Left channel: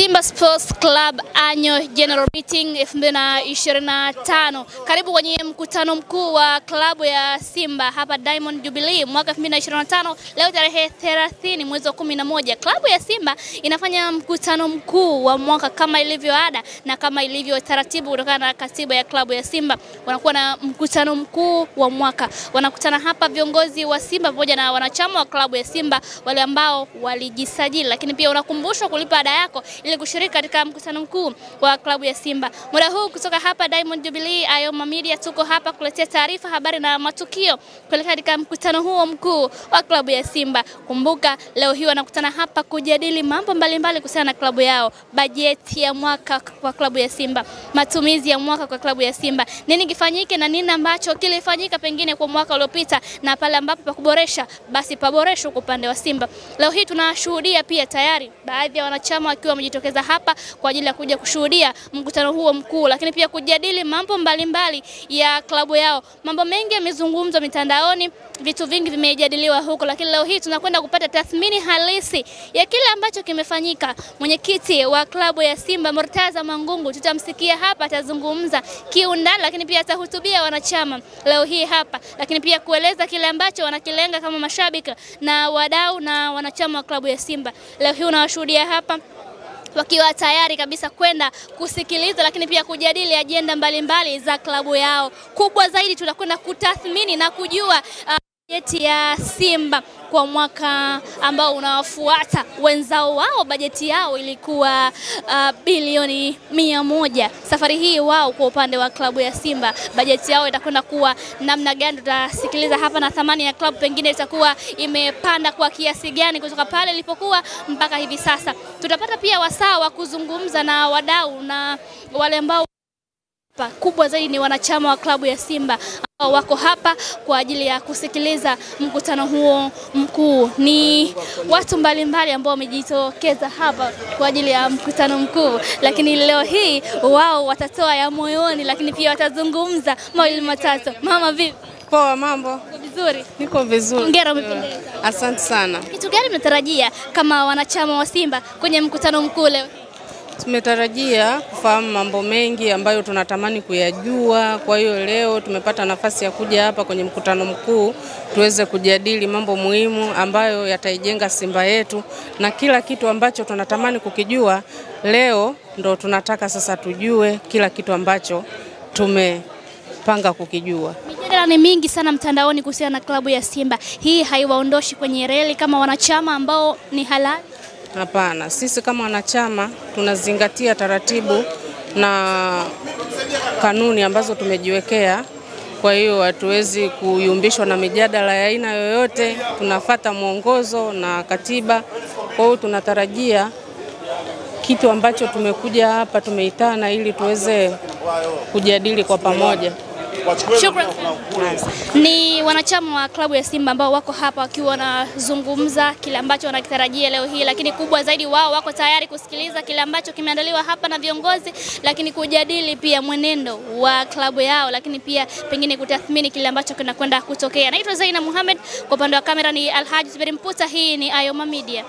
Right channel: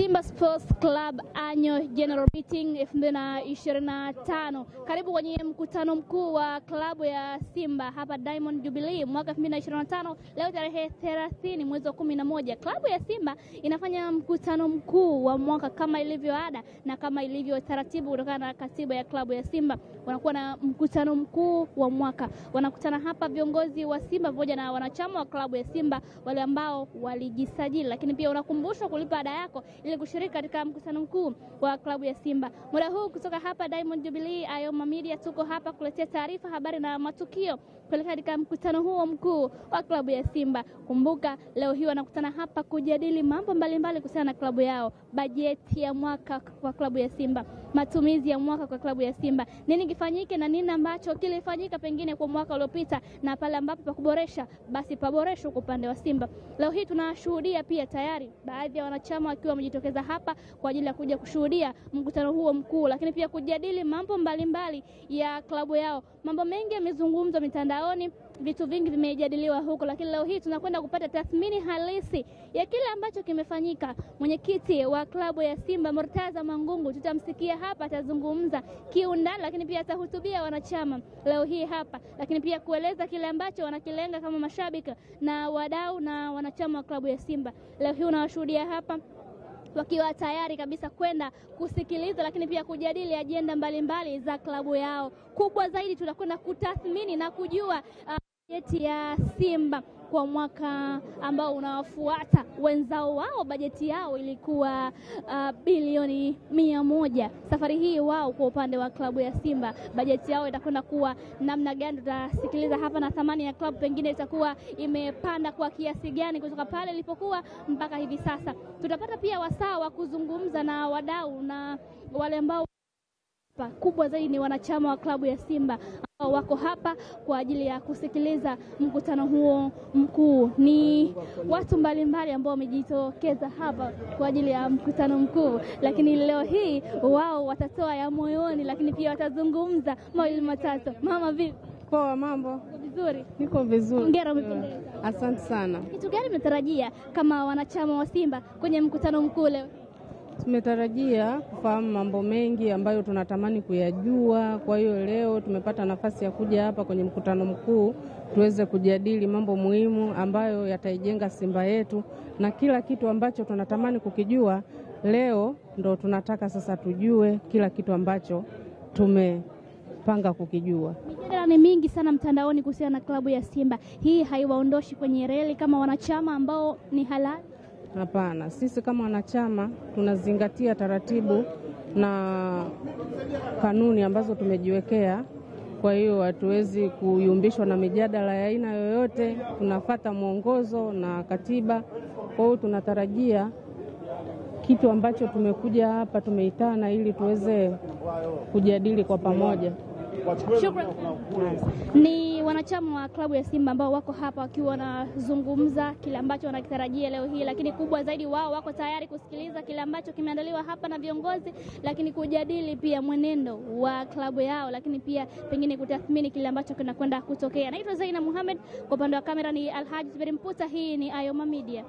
Simba Sports Club Annual General Meeting 2025. Karibu kwenye mkutano mkuu wa klabu ya Simba hapa Diamond Jubilee mwaka 2025. Leo tarehe 30 mwezi wa 11. Klabu ya Simba inafanya mkutano mkuu wa mwaka kama ilivyo ada na kama ilivyo taratibu kutokana na katiba ya klabu ya Simba. Wanakuwa na mkutano mkuu wa mwaka. Wanakutana hapa viongozi wa Simba pamoja na wanachama wa klabu ya Simba wale ambao walijisajili, lakini pia unakumbushwa kulipa ada yako ili kushiriki katika mkutano mkuu wa klabu ya Simba. Muda huu kutoka hapa Diamond Jubilee, Ayoma Media tuko hapa kuletea taarifa, habari na matukio kuelekea katika mkutano huo mkuu wa klabu ya Simba. Kumbuka leo hii wanakutana hapa kujadili mambo mbalimbali kuhusiana na klabu yao, bajeti ya mwaka kwa klabu ya Simba, matumizi ya mwaka kwa klabu ya Simba, nini kifanyike na nini ambacho kilifanyika pengine kwa mwaka uliopita, na pale ambapo pa kuboresha basi paboreshwe kwa upande wa Simba. Leo hii tunashuhudia pia tayari baadhi ya wanachama wakiwa wamejitokeza hapa kwa ajili ya kuja kushuhudia mkutano huo mkuu, lakini pia kujadili mambo mbalimbali ya klabu yao. Mambo mengi yamezungumzwa mitandaoni, vitu vingi vimejadiliwa huko, lakini leo hii tunakwenda kupata tathmini halisi ya kile ambacho kimefanyika. Mwenyekiti wa klabu ya Simba Murtaza Mangungu tutamsikia hapa, atazungumza kiundani, lakini pia atahutubia wanachama leo hii hapa, lakini pia kueleza kile ambacho wanakilenga kama mashabiki na wadau na wanachama wa klabu ya Simba. Leo hii unawashuhudia hapa wakiwa tayari kabisa kwenda kusikiliza, lakini pia kujadili ajenda mbalimbali za klabu yao. Kubwa zaidi tunakwenda kutathmini na kujua bajeti ya Simba kwa mwaka ambao unawafuata. Wenzao wao bajeti yao ilikuwa bilioni 100. Safari hii wao kwa upande wa klabu ya Simba bajeti yao itakwenda kuwa namna gani? Tutasikiliza hapa, na thamani ya klabu pengine itakuwa imepanda kwa kiasi gani kutoka pale ilipokuwa mpaka hivi sasa. Tutapata pia wasaa wa kuzungumza na wadau na wale ambao kubwa zaidi ni wanachama wa klabu ya Simba ambao wako hapa kwa ajili ya kusikiliza mkutano huo mkuu. Ni watu mbalimbali ambao wamejitokeza hapa kwa ajili ya mkutano mkuu, lakini leo hii wao watatoa ya moyoni, lakini pia watazungumza mawili matatu. Mama vipi? Poa, mambo? Vizuri. Niko vizuri. Hongera, umependeza. Asante sana. Kitu gani mnatarajia kama wanachama wa Simba kwenye mkutano mkuu leo? Tumetarajia kufahamu mambo mengi ambayo tunatamani kuyajua. Kwa hiyo leo tumepata nafasi ya kuja hapa kwenye mkutano mkuu tuweze kujadili mambo muhimu ambayo yataijenga Simba yetu, na kila kitu ambacho tunatamani kukijua leo ndo tunataka sasa tujue kila kitu ambacho tumepanga kukijua. Mijadala ni mingi sana mtandaoni kuhusiana na klabu ya Simba. Hii haiwaondoshi kwenye reli kama wanachama ambao ni halali? Hapana, sisi kama wanachama tunazingatia taratibu na kanuni ambazo tumejiwekea. Kwa hiyo hatuwezi kuyumbishwa na mijadala ya aina yoyote, tunafuata mwongozo na katiba. Kwa hiyo tunatarajia kitu ambacho tumekuja hapa tumeitana ili tuweze kujadili kwa pamoja. Shukrani. Ni wanachama wa klabu ya Simba ambao wako hapa wakiwa wanazungumza kile ambacho wanakitarajia leo hii, lakini kubwa zaidi wao wako tayari kusikiliza kile ambacho kimeandaliwa hapa na viongozi, lakini kujadili pia mwenendo wa klabu yao, lakini pia pengine kutathmini kile ambacho kinakwenda kutokea. Naitwa Zaina Muhammad, kwa upande wa kamera ni Alhaji Zuberi Mputa. Hii ni Ayoma Media.